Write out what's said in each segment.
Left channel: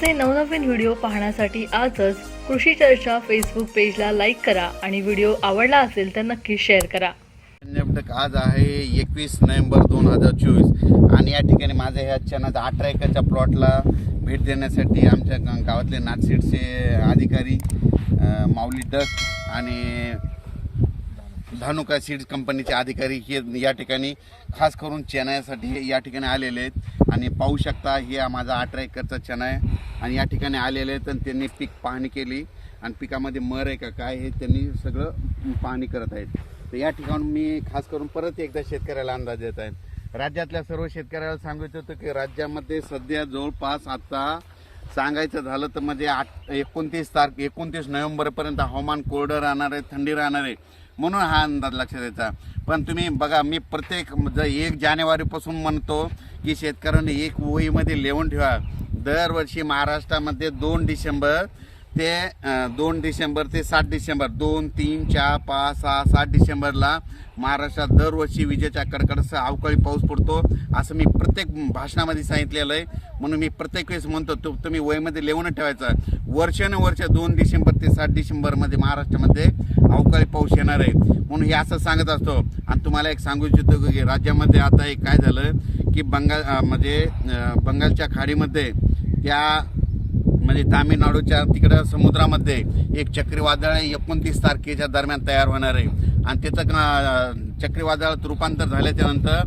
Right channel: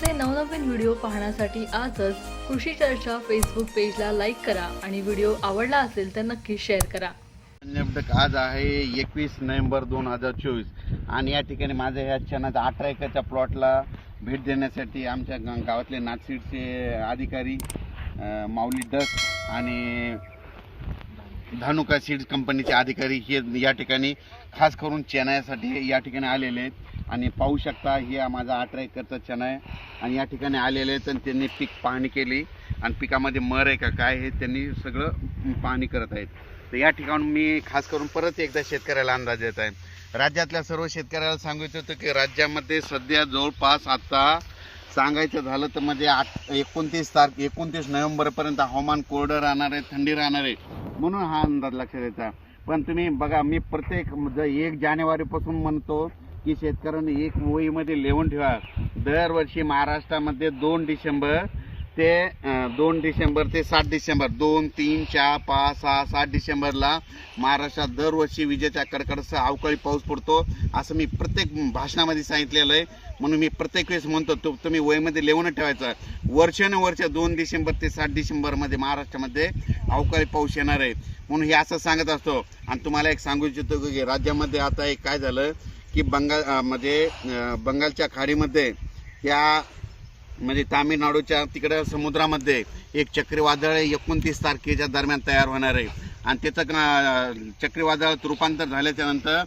आमचे नवनवीन व्हिडिओ पाहण्यासाठी आजच कृषी चर्चा फेसबुक पेजला लाईक करा आणि व्हिडिओ आवडला असेल तर नक्की शेअर करा. नेमकं आज आहे एकवीस नोव्हेंबर दोन हजार चोवीस आणि या ठिकाणी माझ्या ह्या चनाचा अठरा एकरच्या प्लॉटला भेट देण्यासाठी आमच्या गावातले नाथसीडचे अधिकारी माऊली डस आणि धानुका सीड्स कंपनीचे अधिकारी हे या ठिकाणी खास करून चेनायासाठी या ठिकाणी आलेले आहेत. आणि पाहू शकता हे माझा अठरा एकरचा चना आहे. आणि या ठिकाणी आलेले आहेत आणि त्यांनी पीक पाहणी केली. आणि पिकामध्ये मर आहे का काय हे त्यांनी सगळं पाहणी करत आहेत. तर या ठिकाणी मी खास करून परत एकदा शेतकऱ्याला अंदाज देत आहे. राज्यातल्या सर्व शेतकऱ्याला सांगायचं होतं की राज्यामध्ये सध्या जवळपास आता सांगायचं झालं तर मध्ये आठ एकोणतीस तारखे एकोणतीस नोव्हेंबरपर्यंत हवामान कोरडं राहणार आहे थंडी राहणार आहे. म्हणून हा अंदाज लक्षात द्यायचा पण तुम्ही बघा मी प्रत्येक ज एक जानेवारीपासून म्हणतो की शेतकऱ्यांनी एक वहीमध्ये लिहून ठेवा. दरवर्षी महाराष्ट्रामध्ये दोन डिसेंबर ते दोन डिसेंबर ते सात डिसेंबर दोन तीन चार पाच सहा सात डिसेंबरला महाराष्ट्रात दरवर्षी विजेच्या कडकडासह अवकाळी पाऊस पडतो असं मी प्रत्येक भाषणामध्ये सांगितलेलं आहे. म्हणून मी प्रत्येक वेळेस म्हणतो तो तुम्ही वयमध्ये लिहून ठेवायचं. वर्षानुवर्ष दोन डिसेंबर ते सात डिसेंबरमध्ये महाराष्ट्रामध्ये अवकाळी पाऊस येणार आहे. म्हणून हे असं सांगत असतो. आणि तुम्हाला एक सांगू इच्छितो की राज्यामध्ये आता एक काय झालं की बंगाल म्हणजे बंगालच्या खाडीमध्ये त्या म्हणजे तामिळनाडूच्या तिकडं समुद्रामध्ये एक चक्रीवादळ एकोणतीस तारखेच्या दरम्यान तयार होणार आहे. आणि त्याचं चक्रीवादळात रूपांतर झाल्याच्यानंतर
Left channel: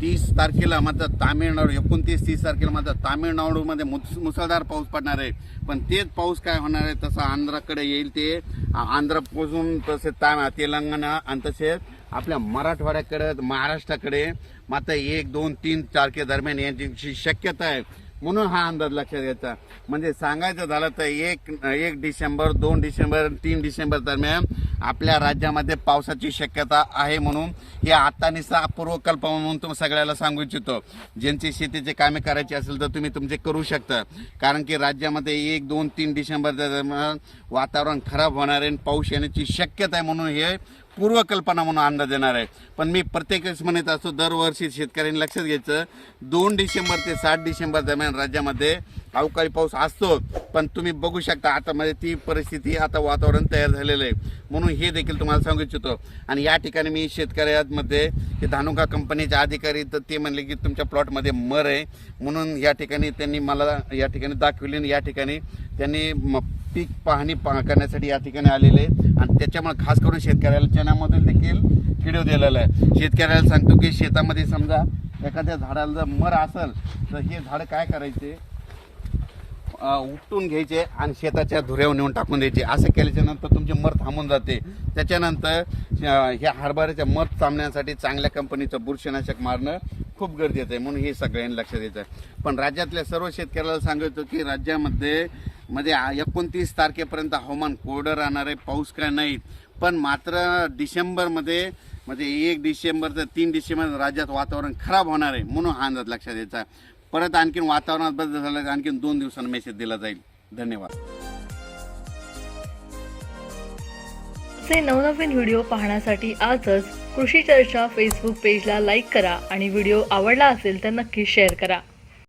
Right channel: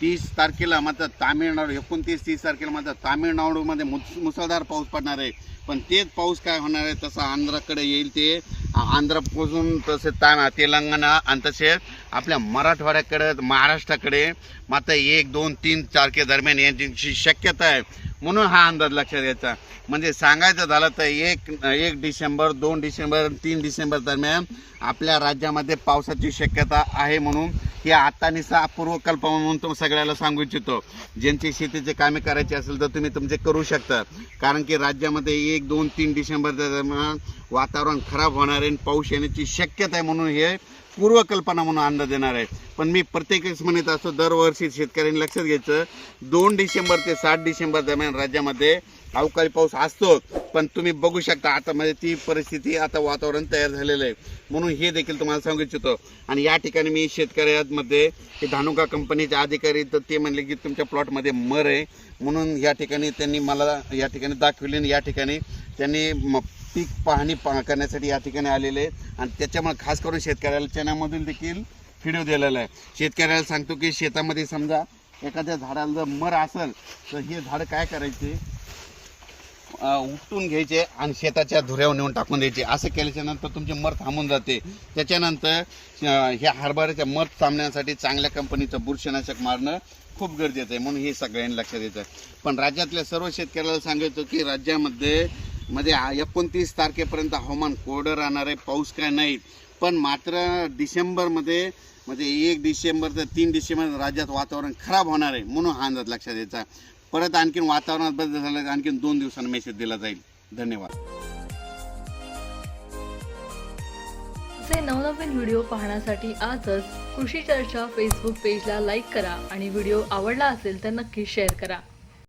तीस तारखेला मात्र तामिळनाडू एकोणतीस तीस तारखेला मात्र तामिळनाडूमध्ये मुस मुसळधार पाऊस पडणार आहे. पण तेच पाऊस काय होणार आहे तसं आंध्राकडे येईल ते. आंध्रपासून तसे ता तेलंगणा आणि तसेच आपल्या मराठवाड्याकडे महाराष्ट्राकडे मात्र एक दोन तीन तारखेदरम्यान यांची शक्यता आहे. म्हणून हा अंदाज लक्षात घ्यायचा. म्हणजे सांगायचं झालं तर एक एक डिसेंबर दोन डिसेंबर तीन डिसेंबर दरम्यान आपल्या राज्यामध्ये पावसाची शक्यता आहे म्हणून हे आता निसा पूर्वकल्पना म्हणून तुम्ही सगळ्याला सांगू इच्छितो. ज्यांची शेतीचे कामे करायची असेल तर तुम्ही तुमचे करू शकता. कारण की राज्यामध्ये एक दोन तीन डिसेंबर दरम्यान वातावरण खराब होणार आहे आणि पाऊस येण्याची शक्यता आहे म्हणून हे पूर्वकल्पना म्हणून अंदाज देणार आहे. पण मी प्रत्येक वेळेस म्हणत असतो दरवर्षी शेतकऱ्यांनी लक्षात घ्यायचं दोन डिसेंबर ते सात डिसेंबर दरम्यान राज्यामध्ये अवकाळी पाऊस असतो. पण तुम्ही बघू शकता आता म्हणजे ती परिस्थिती आता वातावरण तयार झालेलं आहे. म्हणून हे देखील तुम्हाला सांगू इच्छितो. आणि या ठिकाणी मी शेतकऱ्यांमध्ये हे धानुका कंपनीचे अधिकारी तर ते म्हणले की तुमच्या प्लॉटमध्ये मर आहे. म्हणून या ठिकाणी त्यांनी मला या ठिकाणी दाखवली आणि या ठिकाणी त्यांनी म- पीक पाहणी पा करण्यासाठी या ठिकाणी आलेले आहेत. आणि त्याच्यामुळे खास करून शेतकऱ्याला चण्यामधील देखील किडव दिलेला आहे. शेतकऱ्याला सांगतो की शेतामध्ये समजा एखाद्या झाडाला जर मर असेल तर हे झाड काय करायचे? उपटून घ्यायचे आणि शेताच्या धुऱ्यावर नेऊन टाकून द्यायचे. असं केल्याच्यानंतर तुमचे मर थांबून जाते. त्याच्यानंतर ह्या हरभऱ्याच्या मर थांबण्यासाठी चांगल्या कंपनीचं बुरशीनाशक मारणं खूप गरजेचं आहे. म्हणून हे सगळ्यांनी लक्षात द्यायचं आहे. पण राज्यातल्या सर्व शेतकऱ्याला सांगायचं की राज्यामध्ये मध्ये एकोणतीस तारखेपर्यंत हवामान कोरडं राहणार आहे पाऊस काय नाही. पण मात्र डिसेंबरमध्ये म्हणजे एक डिसेंबर तर तीन डिसेंबर राज्यात वातावरण खराब होणार आहे म्हणून हा अंदाज लक्षात द्यायचा परत आणखीन वातावरणात बदल झाला तर आणखीन दोन दिवसांना मेसेज दिला जाईल. धन्यवाद. असे नवनवीन व्हिडिओ पाहण्यासाठी आजच कृषी चर्चा फेसबुक पेजला लाईक करा आणि व्हिडिओ आवडला असेल तर नक्की शेअर करा.